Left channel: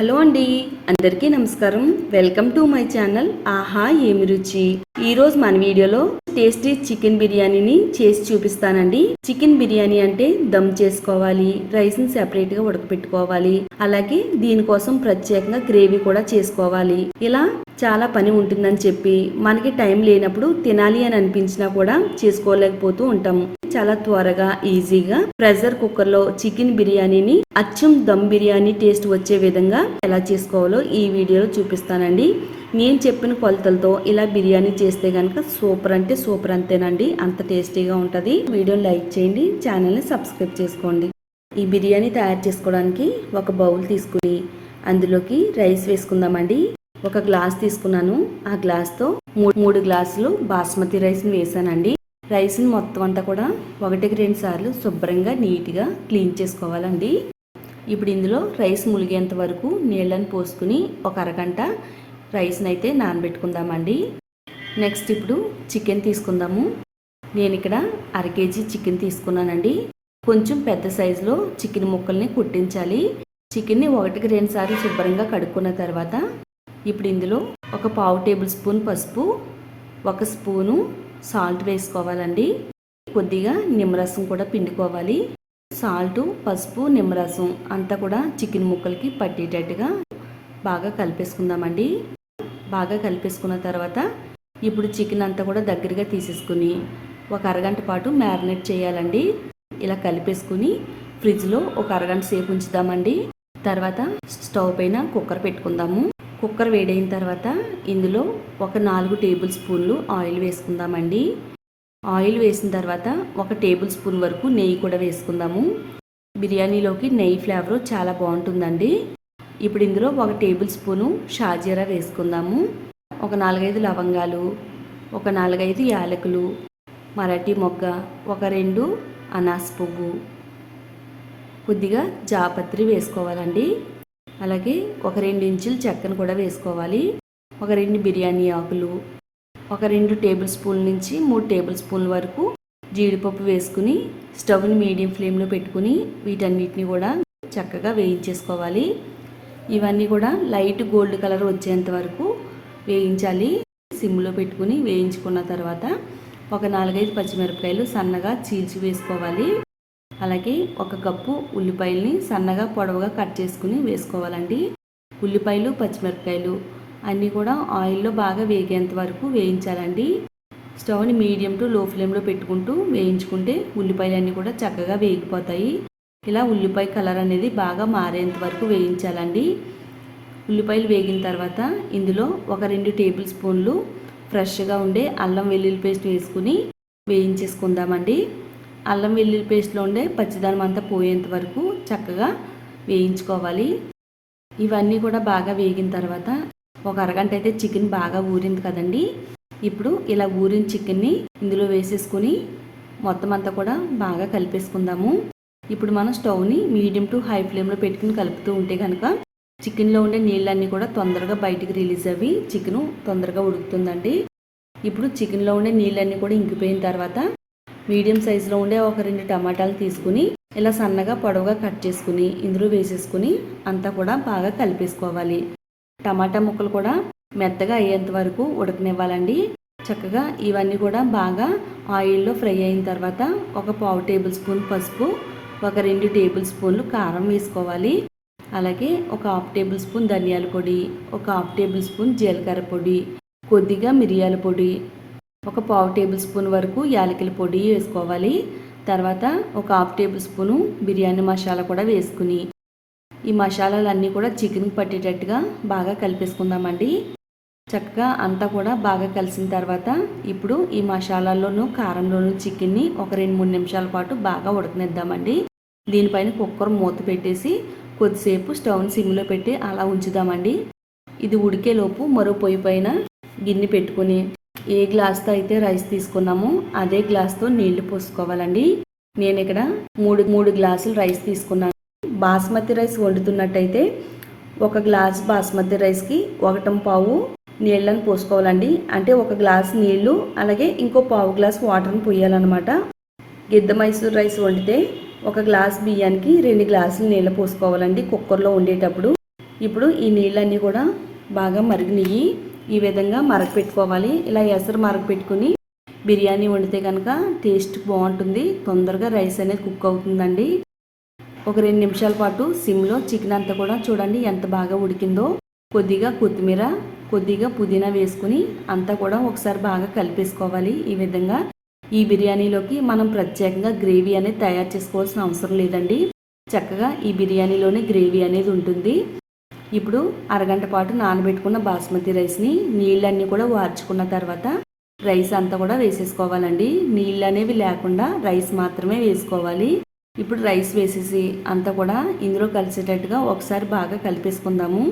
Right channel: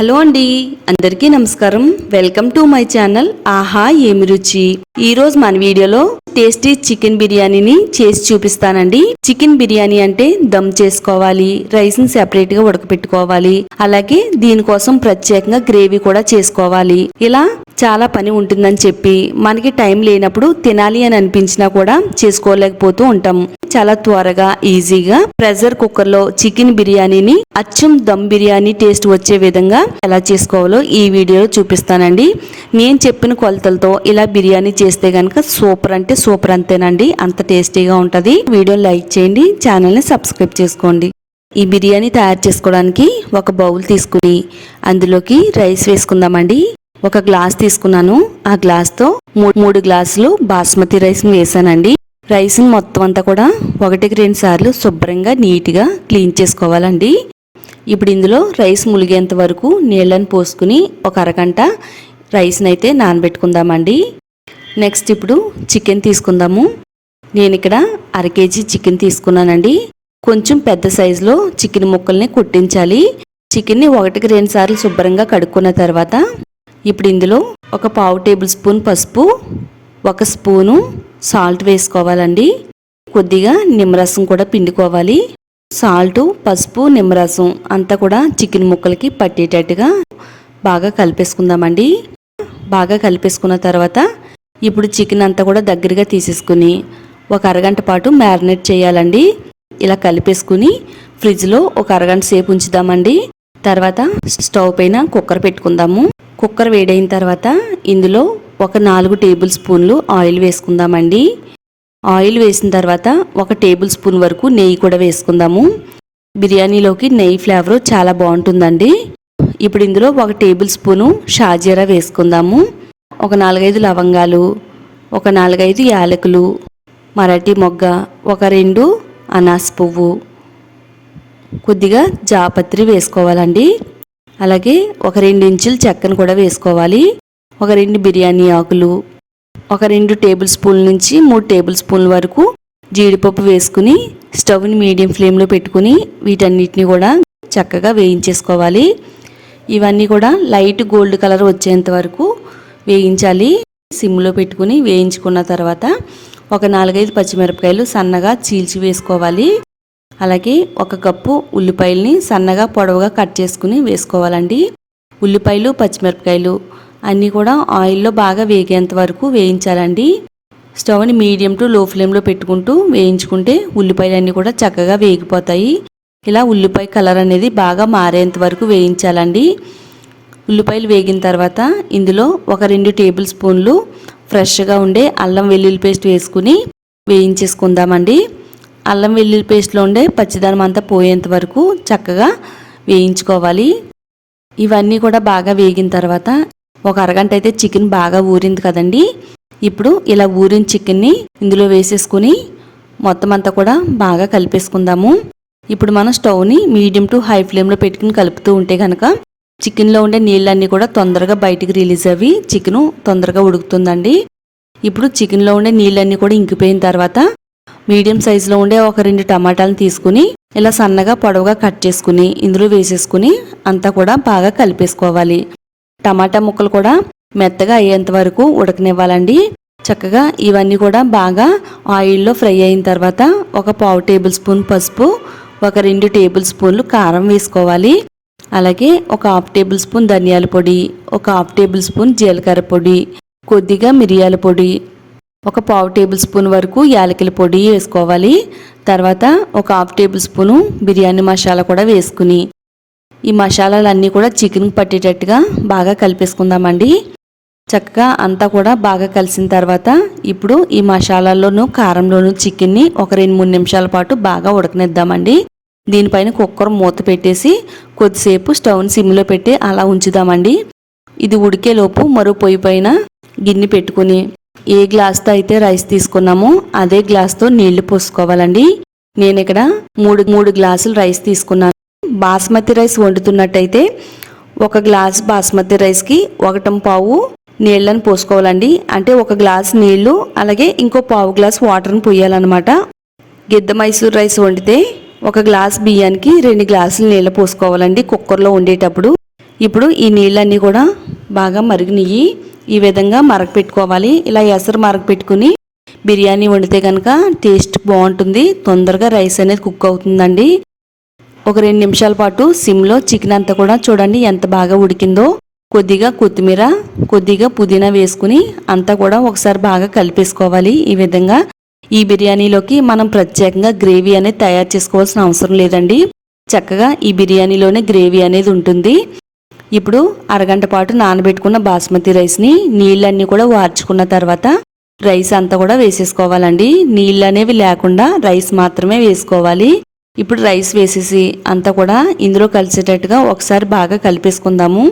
Hello అండి. అందరికీ నమస్కారం. Welcome to my channel. ఆహా ఏమి రుచి? ఈరోజు మన వీడియోలో టేస్టీ చికెన్ బిర్యానీని చేసి చూపిస్తానండి. చికెన్ బిర్యానీ అంటే దమ్ చేసుకోవాలి రైస్ని సెపరేట్గా ఉడకపెట్టుకోవాలి అలాగే దీనికోసం ప్రత్యేకంగా గ్రేవీ కూడా చేసుకోవాలి. ఇలా చాలా పని ఉంటుందని చెప్పి మనకి టైం లేనప్పుడు తినాలి అని అనిపించినా కూడా చేసుకోలేకపోతూ ఉంటాం. చాలా త్వరగా ఈజీగా ప్రెషర్ కుక్కర్లో చికెన్ బిర్యానీని అచ్చం దమ్ బిర్యానీ టేస్ట్ వచ్చే విధంగా ఎలా చేసుకోవాలో ఈ వీడియోలో చూపిస్తానండి. నేను చెప్పిన కొలతలతో ఇలా బిర్యానీ చేస్తే గనక సూపర్ అంటే సూపర్ అంతేనండి అంత టేస్టీగా ఉంటుంది. వీడియో లైక్ చేయండి. ఛానల్ని సబ్స్క్రైబ్ చేసుకోండి. ఈ బిర్యానీ తయారు చేసుకోవడానికి ఒక బౌల్ తీసుకుని అందులోకి రైస్ వేసుకుందామండి. ఒక గ్లాస్ తీసుకున్నాను. ఆ గ్లాస్తో మూడు గ్లాసులు బాస్మతి రైస్ని వేసానండి. రైస్ మొత్తం అంతా కూడా ఒకటికి రెండు సార్లు శుభ్రంగా నీట్గా క్లీన్ చేసుకోవాలండి. ఇప్పుడు ఇందులో రైస్ ములిగేంత వరకు నీళ్ళని పోసుకుని ఒక అరగంట రైస్ని అయితే నానబెట్టుకుందామండి. నెక్స్ట్ ఇప్పుడు చికెన్ తీసుకుందాము. నేను ఇక్కడ అర కేజీ చికెన్ తీసుకున్నానండి. కొంచెం పెద్ద సైజులో చికెన్ ముక్కల్ని కుట్టించాలి. చికెన్ని ఒకటికి రెండు సార్లు శుభ్రంగా కడుక్కున్న తర్వాత ఇప్పుడు ఇందులో ఒక పావు టేబుల్ స్పూన్ పసుపు ఒక స్పూను సాల్ట్ వేసుకోవాలండి. కొద్దిగా నిమ్మరసం కూడా పిండుకోవాలి. సాల్ట్ పసుపు నిమ్మరసం అంతా కూడా చికెన్ ముక్కలకి పట్టేటట్టుగా బాగా కలిపేసుకుందామండి. బాగా కలిపేసుకున్న తర్వాత ఇప్పుడు చికెన్ అంతా కూడా దగ్గరగా తీసేసుకుని ఒక అరగంట పాటు మ్యారినేట్ చేయాలండి. ఇలా కలిపేసుకుని ఫ్రిడ్జ్లో ఒక అరగంట సేపు ఉంచుదామండి. తర్వాత స్టవ్ పైన కుక్కర్ పెట్టుకుందాము. కుక్కర్ వేడైన తర్వాత ఇందులో ఒక నాలుగు టేబుల్ స్పూన్లు ఆయిల్ వేసుకుందామండి. ఆయిల్ వేసిన తర్వాత ఒక టేబుల్ స్పూన్ వరకు నెయ్యి కూడా వేసుకుందాము. బిర్యానీలోకి నెయ్యి ఫ్లేవర్ చాలా బాగుంటుందండి. ఇప్పుడు ఇందులో ఒక టేబుల్ స్పూను షాజీరా వేసుకుందాము. ఒక నాలుగైదు లవంగాలు ఒక నాలుగైదు యాలకులు మరాఠీ మొగ్గ ఒక రెండు అనాస్ పువ్వు. కొద్దిగా జాపత్రి వేసుకోవాలండి. అలాగే ఒక రెండు ఇంచులు చెక్కను కూడా వేసుకోవాలి. ఒక రెండు బిర్యానీ ఆకులు ఒక రెండు టేబుల్ స్పూన్ల నుంచి మూడు టేబుల్ స్పూన్ల వరకు జీడిపప్పు వేసుకుని స్టవ్ని మీడియం ఫ్లేమ్లో పెట్టుకుని వీటన్నిటిని కూడా చక్కగా వేయించేసుకోవాలి. ఇవన్నీ కూడా లైట్ గోల్డ్ కలర్ వచ్చేంత వరకు వేయించాలి. సిమ్లో పెట్టుకుని వేయించుకున్న తర్వాత ఒక నాలుగైదు పచ్చిమిరపకాయలు సన్నగా చీల్చి వేసుకోవాలి. అలాగే ఒక కప్పు ఉల్లిపాయల్ని సన్నగా పొడవుగా కట్ చేసుకుని వేసుకోవాలండి. ఉల్లిపాయలు పచ్చిమిరపకాయలు అన్నీ కూడా ఆయిల్లో బాగా వేగేంత వరకు వేయించాలండి. స్టవ్ని మీడియం టు లో ఫ్లేమ్లో పెట్టుకుంటూ వేయించుకుంటే ఉల్లిపాయలు అన్నీ కూడా చక్కగా వేగిపోతాయి. ఇలా ఉల్లిపాయ కలర్ అనేది బాగా మారేంత వరకు వేయించాలండి. ఉల్లిపాయలు వేగిన తర్వాత ఇందులో ఒక రెండు టేబుల్ స్పూన్లు ఫ్రెష్గా ఉండే అల్లం వెల్లుల్లి పేస్ట్ వేసుకుని వేయించేసుకుందామండి. అల్లం వెల్లుల్లి పేస్ట్లో ఉండే పచ్చిదనం అంతా పోయేంత వరకు చక్కగా వేయించుకోవాలి. ఇవన్నీ కూడా బాగా వేగిన తర్వాత ఒక అరగంట అయితే చికెన్ బాగా ఊరింది కదండి. ఇప్పుడు ఇలా ఊరిన చికెన్ని ఇందులో వేసేసుకుని మొత్తం అంతా కూడా బాగా కలిపేసుకుందాము. ఇప్పుడు మనం స్టవ్ని మీడియం టు హై ఫ్లేమ్లో పెట్టుకుని కలుపుతూ ఉంటే కనుక చికెన్లో ఉండే నీళ్ళన్నీ కూడా తొందరగా బయటికి రిలీజ్ అవి చికెను తొందరగా ఉడుకుతుందండి. ఇప్పుడు చికెన్లో ఉండే నీళ్ళన్నీ కూడా ఇంకిపోయిన తర్వాత మీడియం సైజులో ఉండే ఒక రెండు టమాటాలను తీసుకుని ఇలా సన్నగా పొడవుగా కట్ చేసుకుని ఇందులో వేసేసుకుని అంతా కూడా బాగా కలిపేసుకోవాలి. టమాటా ముక్కలు కూడా మెత్తగా అయ్యేంత వరకు ఉడకనివ్వాలండి. చక్కగా ఇవన్నీ కూడా బాగా ఆయిల్లో ఫ్రై అయిన తర్వాత ఒక పావు టేబుల్ స్పూన్ పసుపు ఒక రెండు టేబుల్ స్పూన్లు కారం వేసుకోవాలి. అలాగే ఒక హాఫ్ టేబుల్ స్పూన్ ధనియాల పొడి ఒక హాఫ్ టేబుల్ స్పూన్ జీలకర్ర పొడి కొద్దిగా మిరియాల పొడి ఒక పావు టేబుల్ స్పూన్ వరకు యాలకుల పొడి వేసుకోవాలి. తర్వాత ఒక half table spoon biryani masala కూడా వేసుకుని ఈ మసాలాలన్నీ కూడా చికెన్కి పట్టేటట్టుగా బాగా కలిపేసుకుందామండి. చక్కగా అంతా కూడా బాగా కలిసిన తర్వాత ఇప్పుడు ఈ మసాలాల్లోనూ కారంలోనూ చికెన్ని ఒక రెండు మూడు నిమిషాల పాటు బాగా ఉడకనిద్దామండి. దీనిపైన కుక్కర్ మూత పెట్టేసి కొద్దిసేపు స్టవ్ని సిమ్లో పెట్టి అలా ఉంచుదామండి. ఇది ఉడికేలోపు మరో పొయ్యి పైన గిన్నె పెట్టుకుని ఏ గ్లాస్తో అయితే రైస్ తీసుకున్నామో అదే గ్లాస్తో నీళ్ళు పోసుకోవాలండి. నేను ఇక్కడ మూడు మూడు గ్లాసులు రైస్ తీసుకున్నాను. బాస్మతి రైస్ వండుతున్నట్టయితే ఒక గ్లాస్ బాస్మతి రైస్కి ఒకటం పావు నీళ్ళని పోసుకోవాలండి. అంటే ఒక గ్లాస్ నీళ్ళు అలాగే ఇంకో పావు గ్లాస్ వాటర్ని పోయాలన్నమాట. గిద్ద మైసూర్ రైస్ వండితే ఒక గ్లాస్ బియ్యానికి రెండు గ్లాసులు నీళ్ళు పోసుకోవాలండి కుక్కర్లో వండేటప్పుడు ఇప్పుడు ఈ నీళ్ళన్నీ కూడా బాగా మరిగినవి ఈ విధంగా మరగ పెట్టుకోవాలి. ఇలా ఎసరు మరగ పెట్టుకుని బిర్యానీ వండితే కనుక టేస్ట్ బాగుంటుంది. తొందరగా రైస్ అనేది కుక్ అవుతుందండి. ఒక రెండు నిమిషాల పాటు సిమ్లో చికెన్ అంతా కూడా చూడండి ఎంత బాగా ఉడికిందో. కొద్దిగా కొత్తిమీర కొద్దిగా పుదీనా వేసుకుని అంతా కూడా ఒకసారి బాగా కలిపేసుకోవాలి. ఈ విధంగా ఈ బిర్యానీలోకి మనం ప్రత్యేకంగా గ్రేవీ అనేది తయారు చేసుకోవాల్సిన అవసరం లేదండి. చక్కగా ఈ బిర్యానీలోనే గ్రేవీ అనేది ఉంటుంది. ఇప్పుడు అరగంట పాటు నానబెట్టుకున్న బాస్మతి రైస్ని నీళ్ళన్నీ కూడా వార్చుకున్న తర్వాత రైస్ అంతా కూడా వేసేసుకోవాలండి. నీళ్ళు అనేవి లేకుండా రైస్ మాత్రమే వేసుకోవాలి. ఇప్పుడు రైస్ వేసేసి అంతా కూడా ఇందులో కలిసేటట్టుగా ఒకసారి బాగా కలిపేసుకుందాము.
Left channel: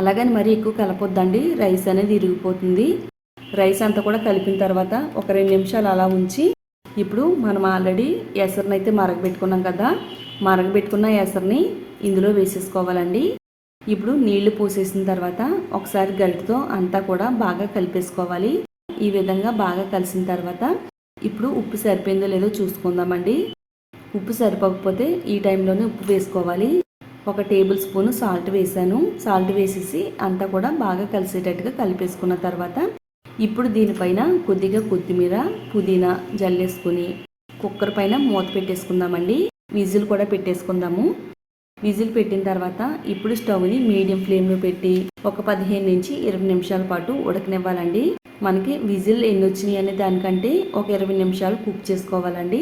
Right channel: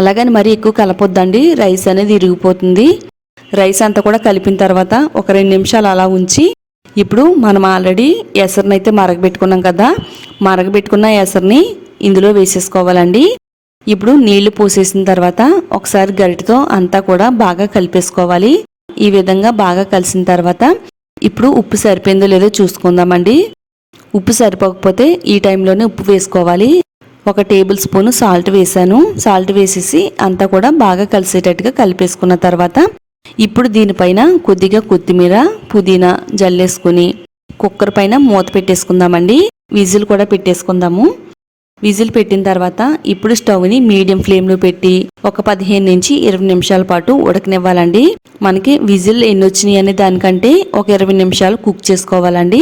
అలాగని మరీ ఎక్కువ కలపొద్దండి. రైస్ అనేది ఇరిగిపోతుంది. రైస్ అంతా కూడా కలిపిన తర్వాత ఒక రెండు నిమిషాలు అలా ఉంచి ఇప్పుడు మనం ఆల్రెడీ ఎసరునైతే అయితే మరగబెట్టుకున్నాం కదా మరగబెట్టుకున్న ఎసరుని ఇందులో వేసేసుకోవాలండి. ఇప్పుడు నీళ్ళు పోసేసిన తర్వాత ఒకసారి గరిటతో అంతా కూడా బాగా కలిపేసుకోవాలి. ఈ విధంగా బాగా కలిసిన తర్వాత ఇప్పుడు ఉప్పు సరిపోయిందో లేదో చూసుకుందామండి. ఉప్పు సరిపోకపోతే ఈ టైంలోనే ఉప్పు వేసుకోవాలి. ఒక టేబుల్ స్పూన్ సాల్ట్ వేసాను. సాల్ట్ వేసేసి అంతా కూడా బాగా కలిసేటట్టుగా కలిపేసుకున్న తర్వాత ఇప్పుడు దీనిపైన కొద్దిగా కొత్తిమీర పుదీనా జల్లేసుకుని కుక్కర్ పైన మూత పెట్టేసుకుందామండి. విజిల్ కూడా పెట్టేసుకుందాము. విజిల్ పెట్టిన తర్వాత ఇప్పుడు స్టవ్ని మీడియం ఫ్లేమ్లో పెట్టి ఒక పదిహేను నుంచి ఇరవై నిమిషాల పాటు ఉడకనివ్వాలండి. మనకి విజిల్ ఎన్ని వచ్చినాయి అనే దానికంటే ఒక ఇరవై నిమిషాలు కుక్ చేసుకోవాలండి.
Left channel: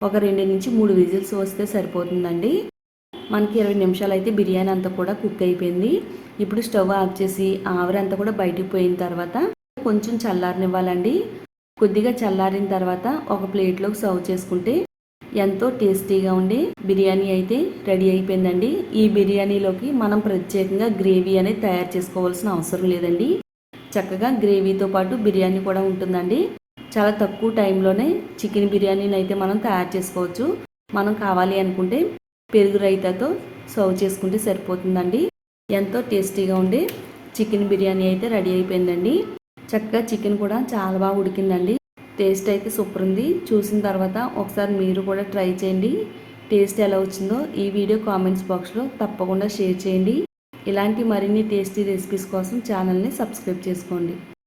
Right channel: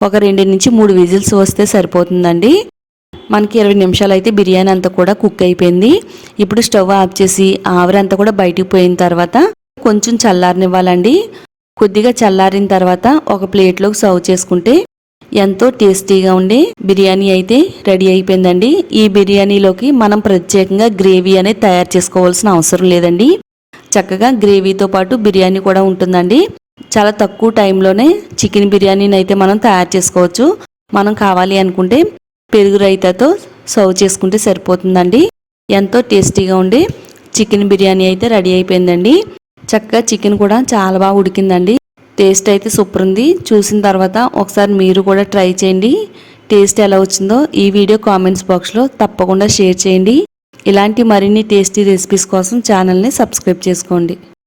ఒక రెండు నుంచి మూడు విజిల్స్ వస్తే సరిపోతుందండి. మనకి ఇరవై నిమిషాలు అయితే బిర్యానీ అంతా కూడా కుక్ అయిపోయింది. ఇప్పుడు స్టవ్ ఆఫ్ చేసి ఆవిరంతా కూడా బయటికి పోయిన తర్వాత కొంచెం చల్లారనివ్వాలండి. కొద్దిగా చల్లారిన తర్వాత ఒక ప్లేట్లోకి సర్వ్ చేసుకుంటే ఎంతో టేస్టీగా ఉండే బిర్యానీ అయితే రెడీ అయిపోయిందండి. ఈ బిర్యానీలోకి మనం ప్రత్యేకంగా గ్రేవీ అనేది తయారు చేసుకోవాల్సిన అవసరం లేదండి. చక్కగా గ్రేవీతో పాటు బిర్యానీ కూడా ఉంటుందండి. చాలా తక్కువ టైంలోనే చికెన్ బిర్యానీని అయితే మనం తయారు చేసుకోవచ్చు. మనం కావాలి అనుకుంటే పెరుగు రైతాతో సర్వ్ చేసుకుంటే సరిపోతుందండి. ఎంతో టేస్టీగా ఉండే చికెన్ బిర్యానీ అయితే రెడీ అయిపోయిందండి. చక్కగా చికెన్ కూడా చాలా బాగా ఉడికిందండి. టేస్ట్ అయితే సూపర్ ఉంది. చూసిన తర్వాత ఒకసారి మీరు కూడా ట్రై చేయండి. టేస్ట్ ఎలా వచ్చిందో ఈ వీడియో కామెంట్స్ బాక్స్లో తప్పకుండా షేర్ చేయండి. ఇలాంటి మరిన్ని టేస్టీ రెసిపీస్ కోసం ఛానల్ని సబ్స్క్రైబ్ చేసుకోండి.